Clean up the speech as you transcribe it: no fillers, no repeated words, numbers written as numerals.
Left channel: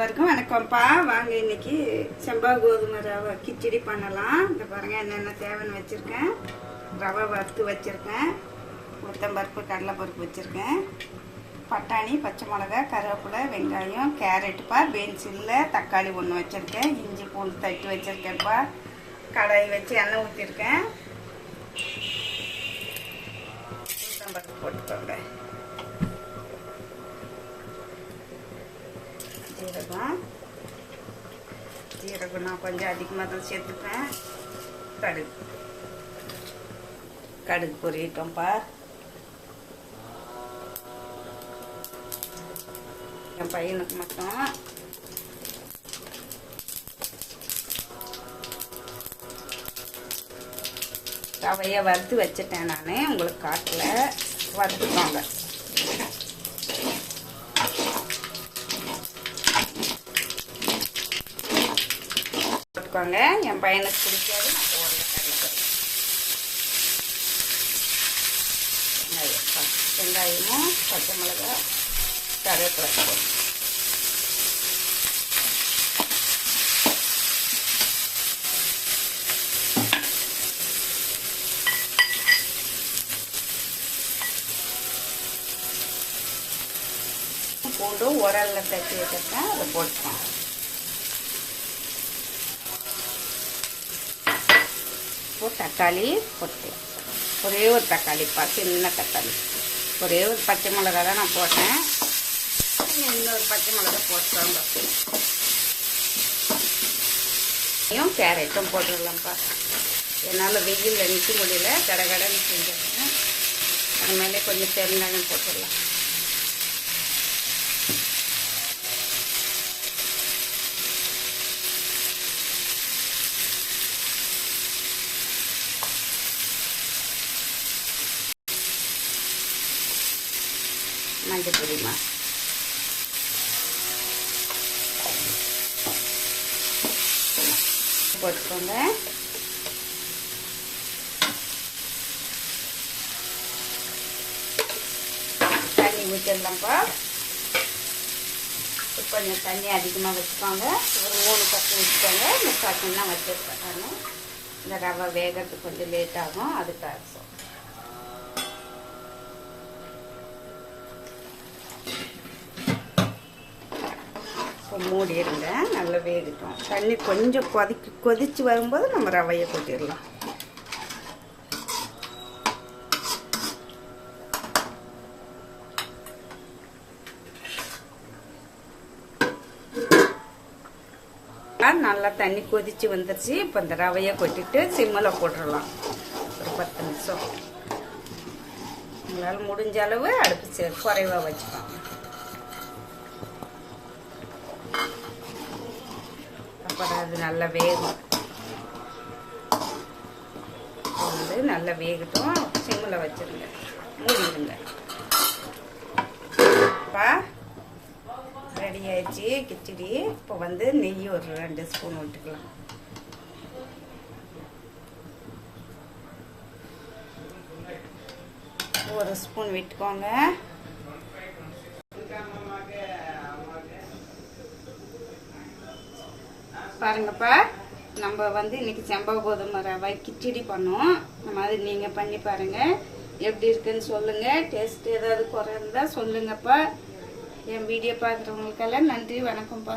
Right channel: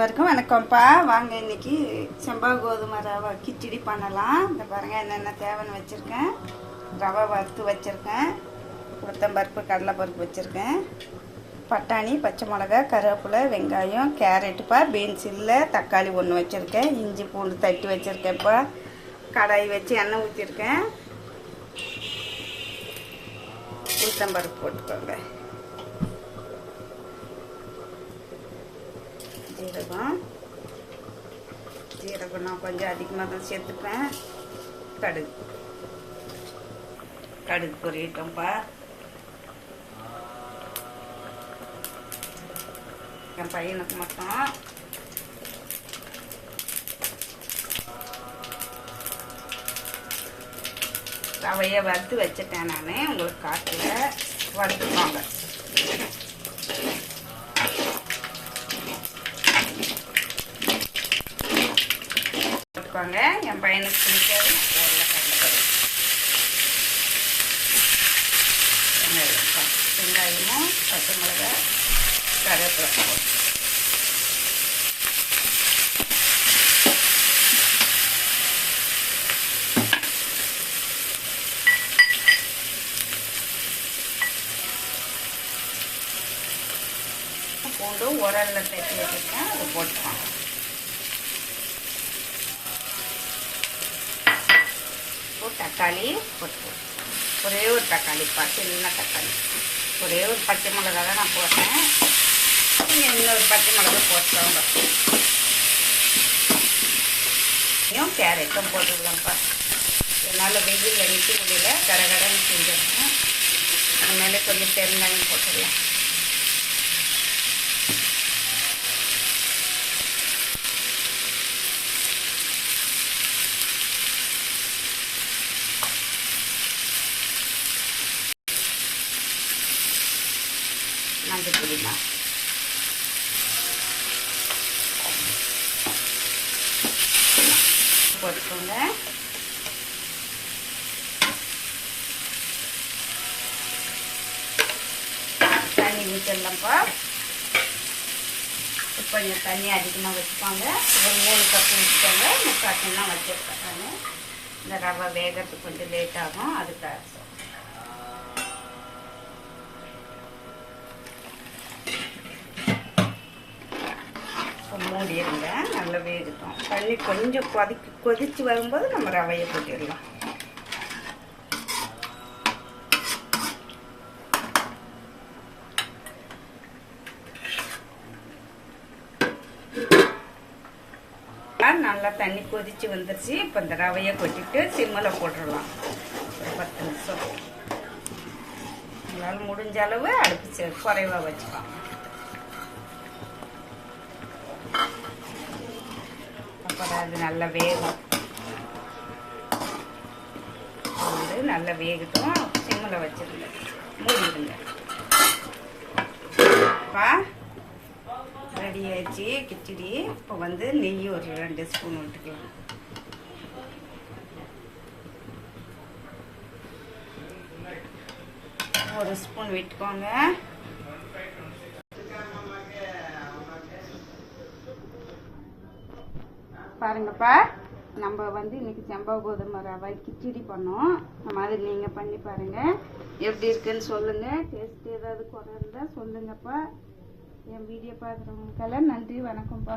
அனைவருக்கும் வணக்கம்ப்பா. வாங்க இன்னைக்கு செம்பா கோதுமை ரவை கிச்சடி பண்ணலாம். இந்த பாருங்க என்னென்ன தேவைன்னு வச்சுருக்கேன். ரவை வறுத்து வச்சுருக்கேன், உளுத்தம்பருப்பு கடலைப்பருப்பு வச்சுருக்கேன், பட்டாணி, பச்சை மிளகா, கருவேப்பிலை, வெங்காயம், கேரட்டுப்பா, பீன்ஸ் இல்லை, தக்காளி ஒன்று வச்சுருக்கேன், இஞ்சி பூண்டு தட்டி வச்சுருக்கேன்ப்பா, கடாய் வச்சு எண்ணெய் ஊற்றிருக்கேன், உளுத்தம்பருப்பு போட்டுக்கோங்க, ஜீரகம் நான் கொஞ்சம் அதிகமாக தான் சேர்த்துப்பேன். கடுகு பொரியட்டோம்ப்பா. என் பையனுக்கு மட்டும் ரவையை வறுத்து வச்சுட்டேன். நான் உங்களுக்கு காட்டல, வறுத்துக்கோங்க. என் பையனுக்கு பிடிக்காது. வெங்காயமும் பச்சை மிளகா, கருவேப்பிலை பூண்டு உரல்ல தட்டி வச்சிருக்கேன், அதை போட்டுக்கலாம். தக்காளி போட்டு ஒரே ஒரு தக்காளிப்பா, சின்ன தக்காளி, ஒரே ஒரு பச்சை மிளகா தான் நான் போட்டேன். இன்னொரு பச்சை மிளகா போட்டோங்க. கேரட்டும் போட்டுடலாம்ப்பா. என்னால் வெயிலில் நிற்க முடியல, கடகடன்னு செஞ்சிடணும். அதனால கொஞ்சம் பெருங்காயம் போட்டுடலாம். மஞ்சள் பொடிமா போட்டுக்கோங்க. தண்ணி ஊற்றிடலாம்ப்பா. கொஞ்சம் தண்ணி அதிகமாக வச்சுக்கோங்க. ஒரு 3 கப்பு வச்சுக்கோங்க. 3 கப்புலாம் வச்சுருக்கேன். இந்த ரவை வேகிறதுக்கு கொஞ்சம் லேட் ஆகும், அதுக்காக மூடிடுங்க. நல்லா வேகட்டும். தண்ணி கொஞ்சம் கொதிச்சு வரும்போது நம்ம ரவையை போட்டிடலாம். நல்லா தண்ணி கொதிச்சு வந்துருச்சு. இப்போ இந்த ரவையை கொட்டிட்டு சிம்மில் போட்டுடலாம். ஒரு 10 நிமிஷம். உங்களால் முடிஞ்ச அளவு அடுப்பு குறைவாக வச்சுக்கலாம். அது நல்லா வேகும். நல்லா வேகட்டும். சிம்மில் வச்சிருங்க, மூடிடுங்க. ரெடி ஆயிடுச்சு கிச்சடி. இப்போ நெய் ஒரு 2 ஸ்பூன் விட்டுக்கலாம். ஒரு ஸ்பூன் விட்டுக்கோங்க. பாருங்கப்பா, நம்ம இன்னைக்கு செம்பா கோதுமை ரவை கிச்சடி பண்ணோம். அந்த மாதிரி நீங்கள் பண்ணி பாருங்கள். எப்படி இருக்குன்னு சொல்லுங்கள். டேஸ்ட் ஏதாவது குறை இருந்தால் சொல்லுங்கப்பா. என் வீடியோ பார்க்குறவங்களுக்கெல்லாம் நன்றி, வணக்கம்ப்பா.